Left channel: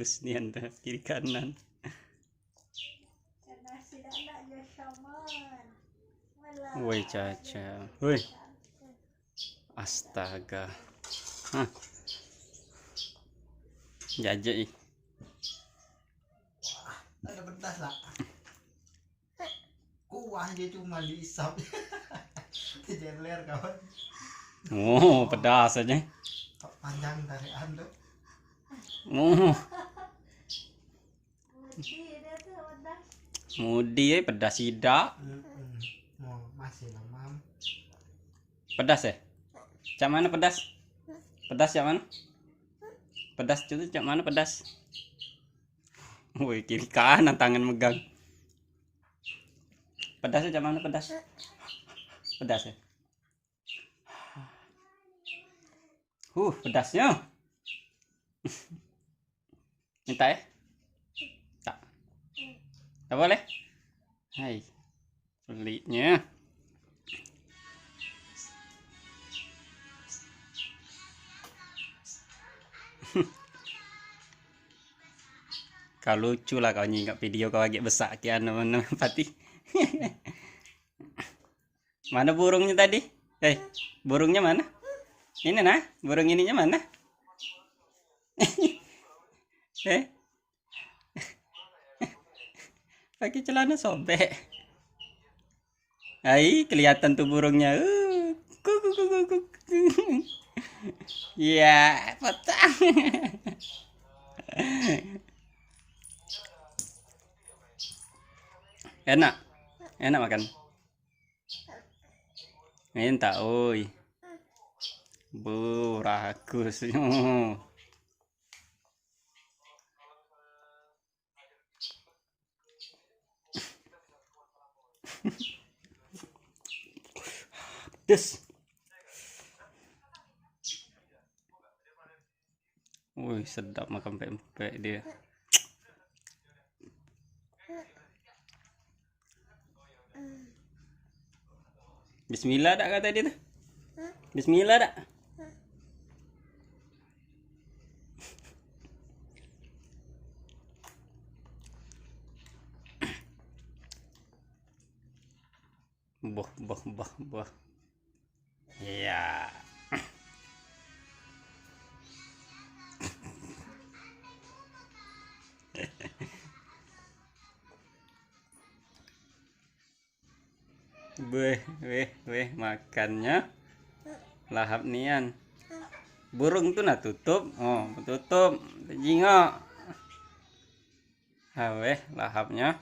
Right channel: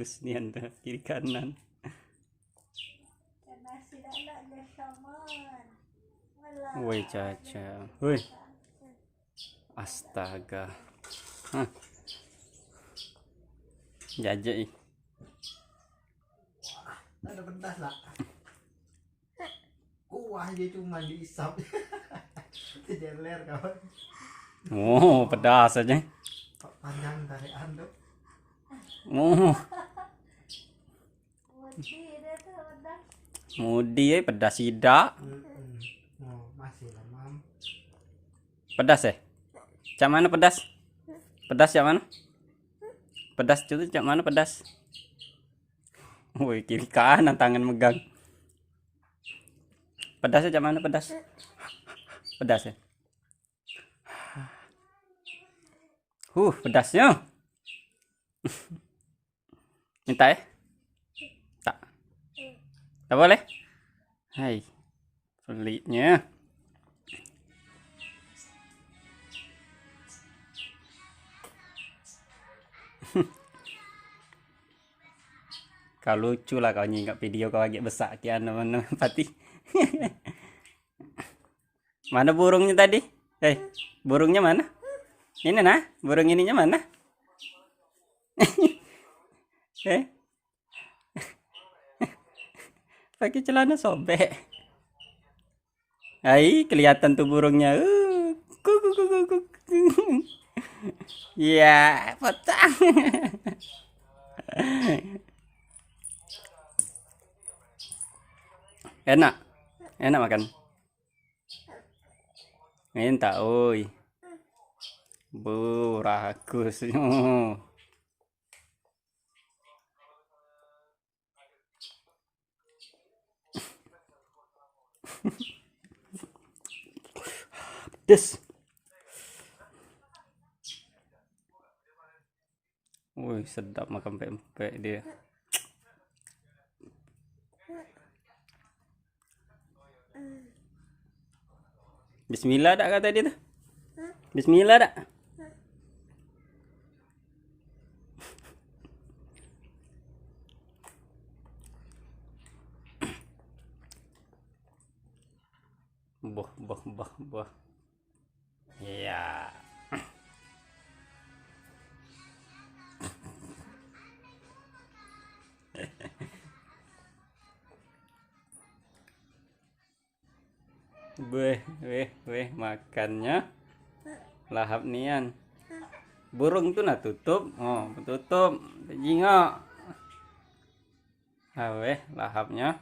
bagus nih Anda kiri kanan. Woi Caca, woi, astaga, jajak ih. Ada pedas lah. Kuah dia cuma diisap. Jeler kawan. Oh, pedas aja. Panjang dari ando. Oh. Mudi pedas tidak. Masih lemam. Pedas ya? Cak mana pedas? Pedas cak mana? Pedas itu cak mana pedas? Woi, kiri kanan tangan megang. Pedasnya cak mana pedas? Pedas ya? Pedasnya. Minta ya? Tak. Tak boleh? Hai. Peliknya. Kau lucu lah kau nyingkap video kau agak besar kian mana pati. Mana burungnya tadi? Burungnya mana? Ini nah, burung ininya mana? Pakai celana sobek. Hai, kelihatan tuh burungnya. Ya, potong. Enak. Enak makan. Minta, oi. Bu, ragus. Pedes. Wih, sedap makan mpek-mpek dia. Bismillah tak kata dia tuh? Bismillah tak? Boh. Iya. Weh, makannya lahap nian. Burung tuh nah tutup, tutup, jingok. Weh, lahapnya.